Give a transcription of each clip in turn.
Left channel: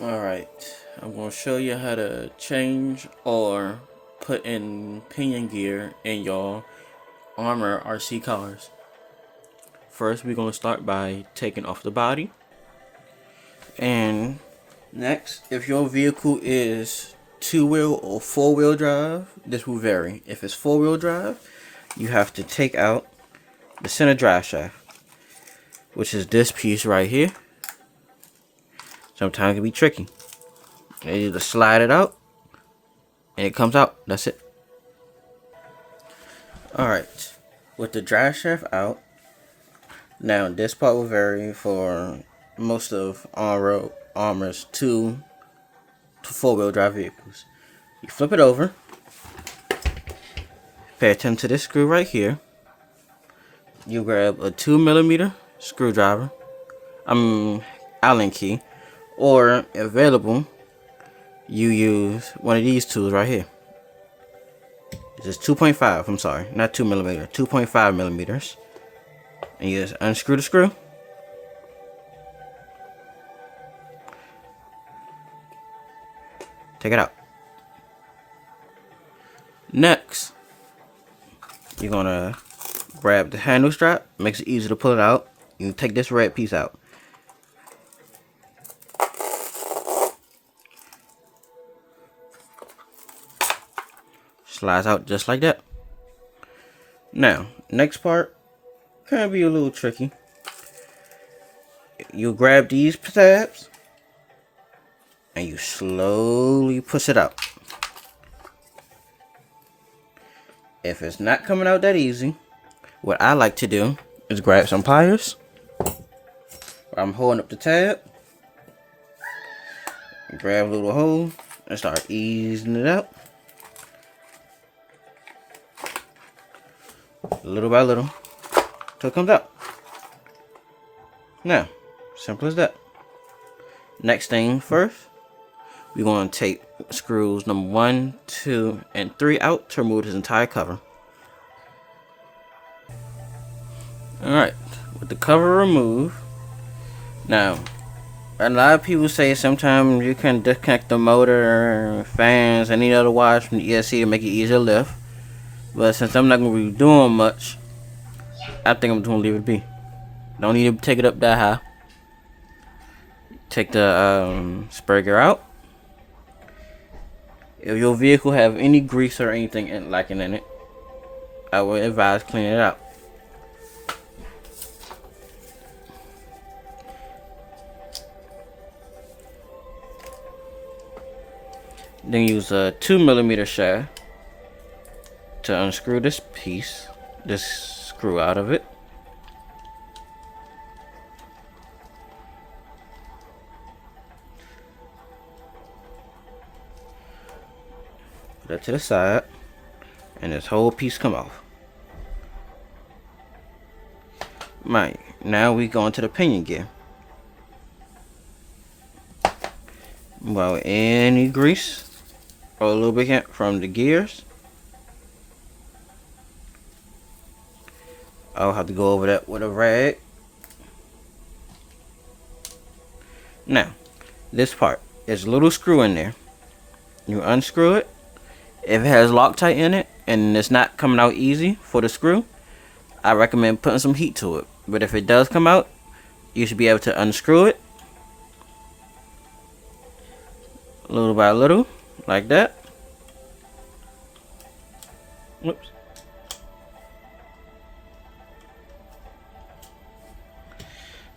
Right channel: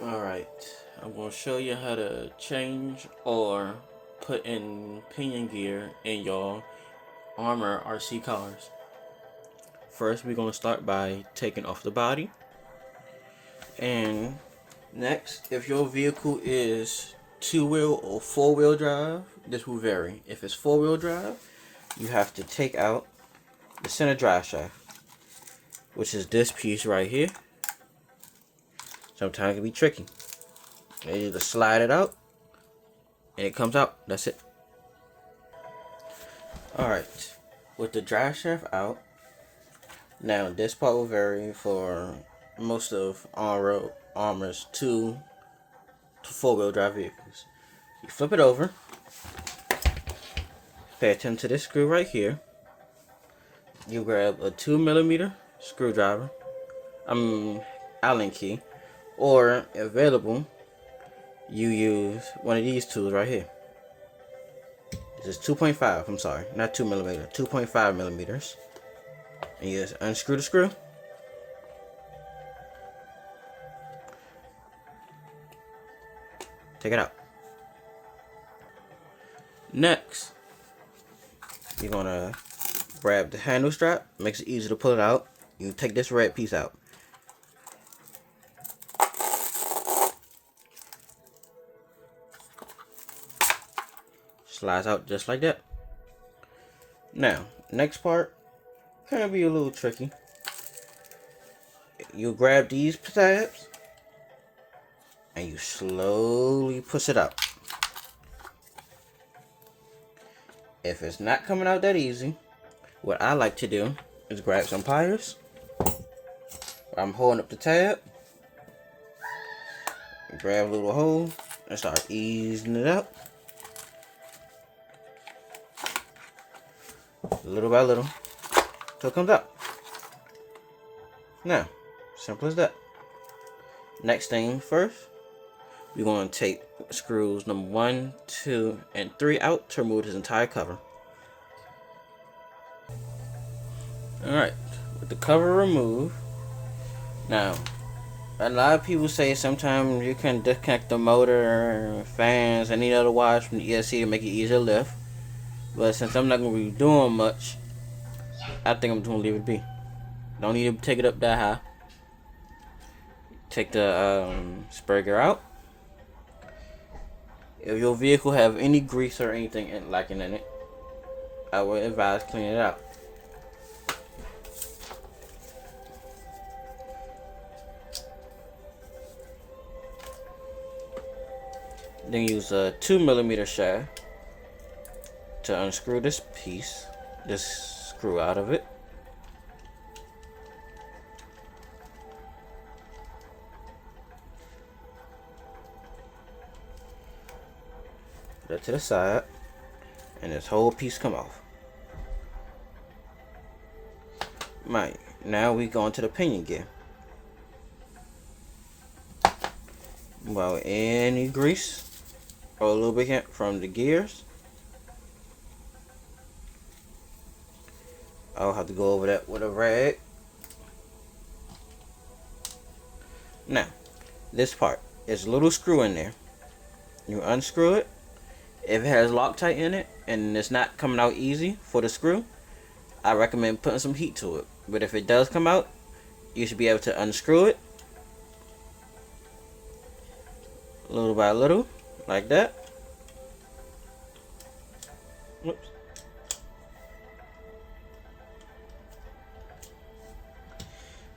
Alright, I'm going to show you how to change or put in pinion gear in your Armor RC cars. First, we're going to start by taking off the body. And next, if your vehicle is two-wheel or four-wheel drive, this will vary. If it's four-wheel drive, you have to take out the center drive shaft, which is this piece right here. Sometimes it can be tricky. You either slide it out and it comes out. That's it. Alright, with the drive shaft out, now this part will vary for most of on-road Armor's two to four-wheel drive vehicles. You flip it over, pay attention to this screw right here. You grab a 2mm screwdriver, Allen key, or if available, you use one of these tools right here. This is 2.5, I'm sorry, not 2mm, 2.5 millimeters. And you just unscrew the screw. Take it out. Next, you're gonna grab the handle strap. Makes it easy to pull it out. You take this red piece out. Slides out just like that. Now, next part can be a little tricky. You grab these tabs and you slowly push it out. If it's not coming out that easy, what I like to do is grab some pliers. I'm holding up the tab, grab a little hole, and start easing it out. Little by little, till it comes out. Now, simple as that. Next thing first, we're going to take screws number 1, 2, and 3 out to remove this entire cover. Alright, with the cover removed, now, a lot of people say sometimes you can disconnect the motor, fans, any other wires from the ESC to make it easier to lift. But since I'm not going to be doing much, I think I'm just going to leave it be. Don't need to take it up that high. Take the spur gear out. If your vehicle have any grease or anything lacking in it, I would advise cleaning it out. Then use a 2mm shaft to unscrew this piece, this screw out of it. Put that to the side, and this whole piece come off. Right, now we go into the pinion gear. Well, any grease or lubricant from the gears, I'll have to go over that with a rag. Now, this part, there's a little screw in there. You unscrew it. If it has Loctite in it and it's not coming out easy for the screw, I recommend putting some heat to it. But if it does come out, you should be able to unscrew it little by little, like that. Whoops.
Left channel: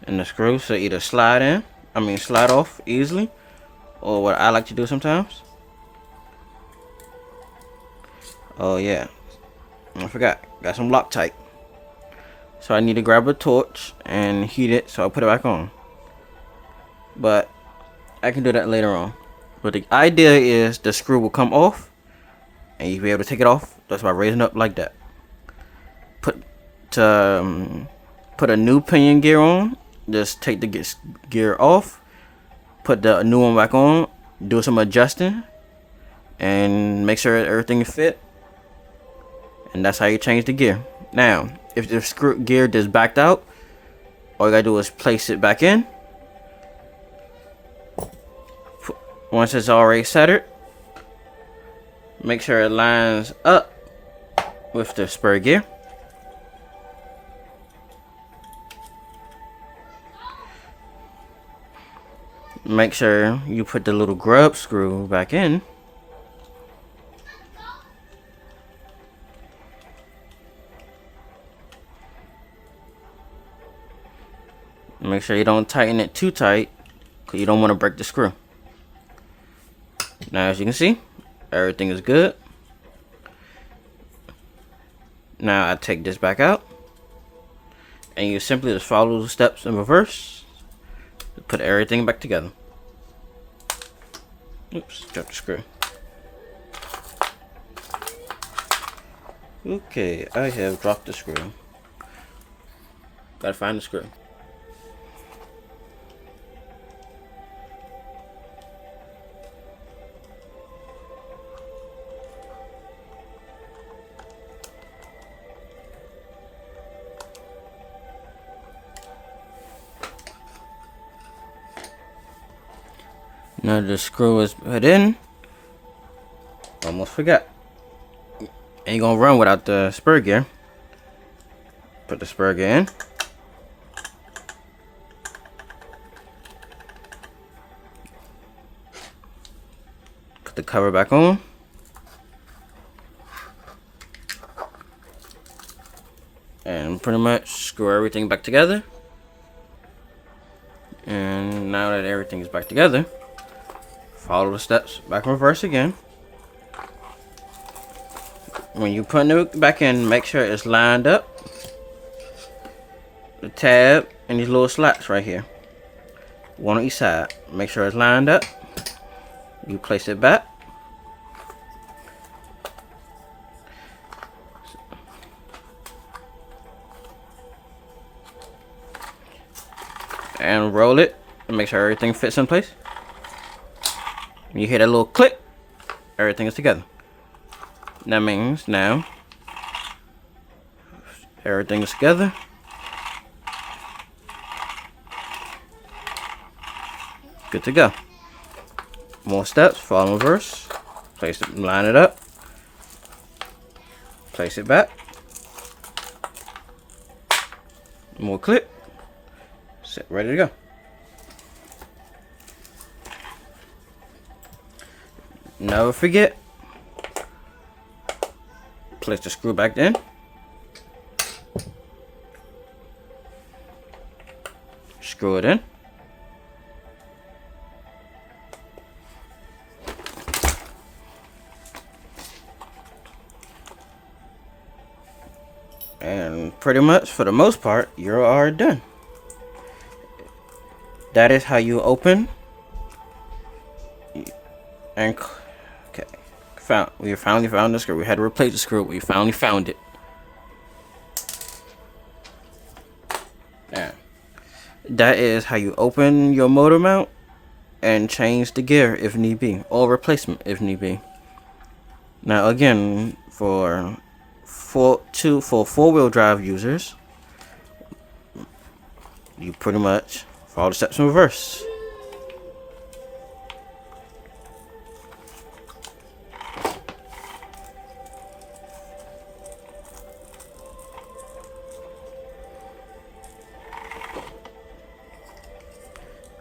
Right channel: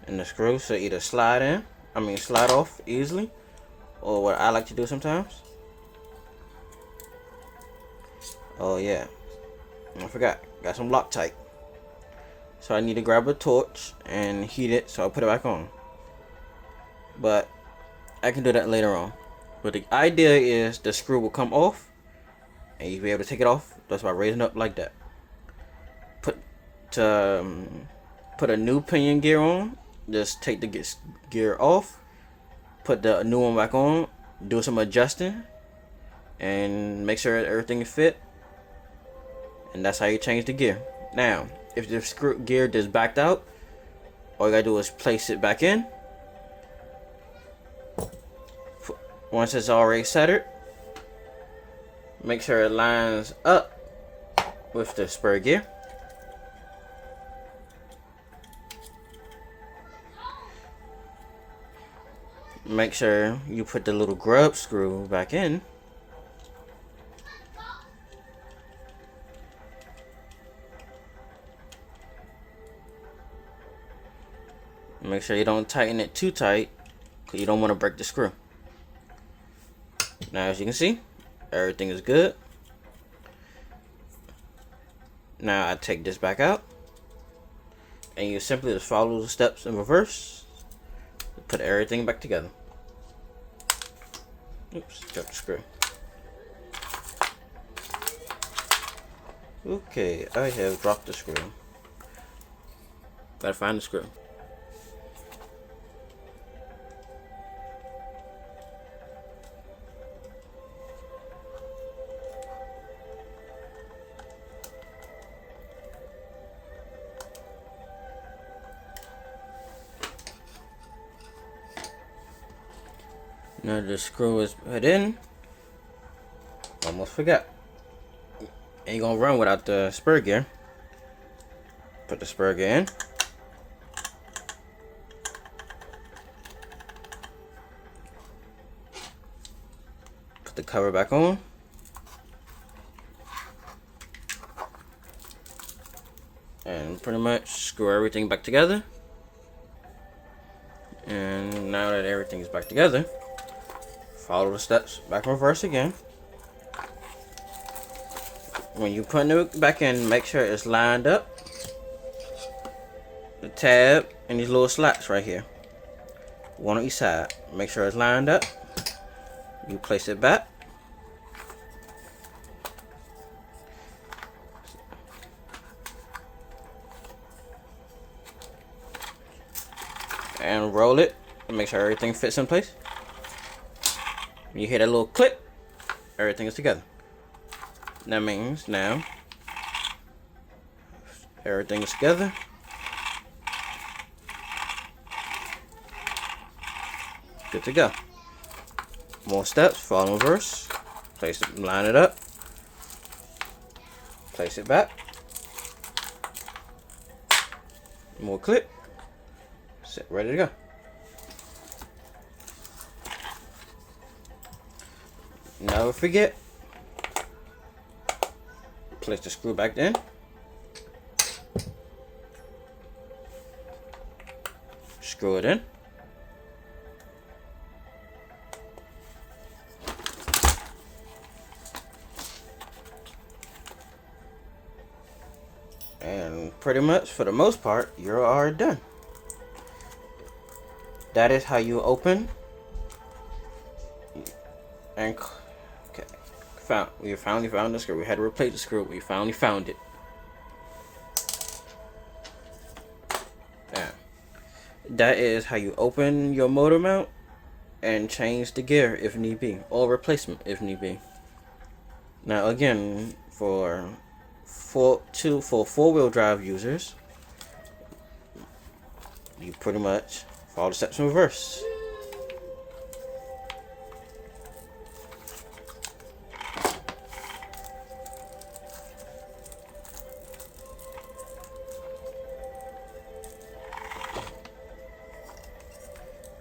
And the screw should either slide off easily, or what I like to do sometimes. Oh yeah, I forgot, got some Loctite. So I need to grab a torch and heat it so I'll put it back on. But I can do that later on. But the idea is the screw will come off and you'll be able to take it off. That's by raising up like that. Put a new pinion gear on. Just take the gear off, put the new one back on, do some adjusting, and make sure everything is fit. And that's how you change the gear. Now, if the screw gear just backed out, all you gotta do is place it back in, Once it's already centered, make sure it lines up with the spur gear. Make sure you put the little grub screw back in. Make sure you don't tighten it too tight, because you don't want to break the screw. Now, as you can see, everything is good. Now I take this back out, and you simply just follow the steps in reverse to put everything back together. Oops, dropped the screw. Okay, I have dropped the screw. Gotta find the screw. Now the screw is put in. Almost forgot. Ain't gonna run without the spur gear. Put the spur gear in. Put the cover back on. And pretty much screw everything back together. And now that everything is back together, follow the steps back in reverse again. When you put it back in, make sure it's lined up. The tab and these little slots right here, one on each side. Make sure it's lined up. You place it back. And roll it and make sure everything fits in place. You hear that little click, everything is together. That means now everything is together. Good to go. More steps, follow in reverse. Place it, line it up. Place it back. More clip. Set, ready to go. Never forget, place the screw back in. Screw it in. And pretty much, for the most part, you are done. That is how you open and we finally found the screw. We had to replace the screw. We finally found it. Yeah. That is how you open your motor mount and change the gear if need be, or replacement if need be. Now again, for four-wheel drive users, you pretty much follow the steps in reverse.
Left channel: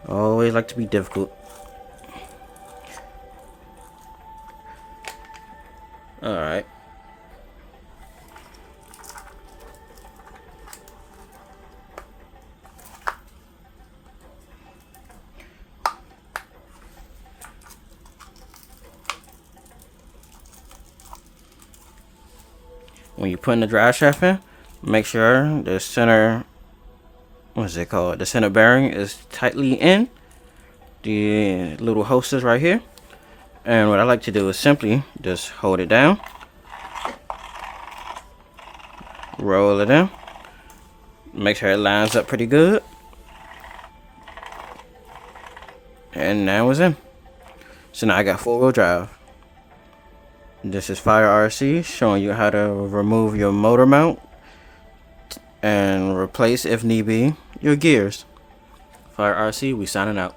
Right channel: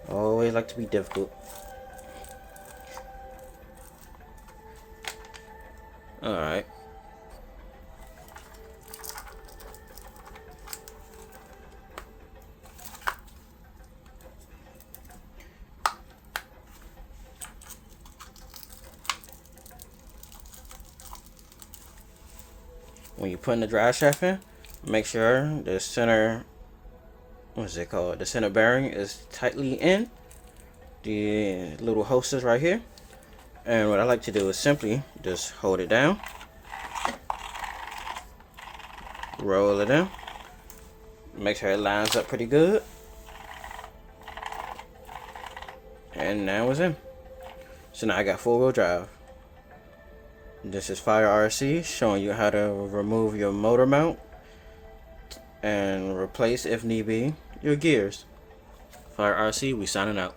Always like to be difficult. Alright. When you're putting the drive shaft in, make sure the center, what's it called? The center bearing is tightly in. The little hosters right here. And what I like to do is simply just hold it down, roll it in, make sure it lines up pretty good, and now it's in. So now I got four-wheel drive. This is Fire RC showing you how to remove your motor mount and replace, if need be, your gears. Fire RC, we signing out.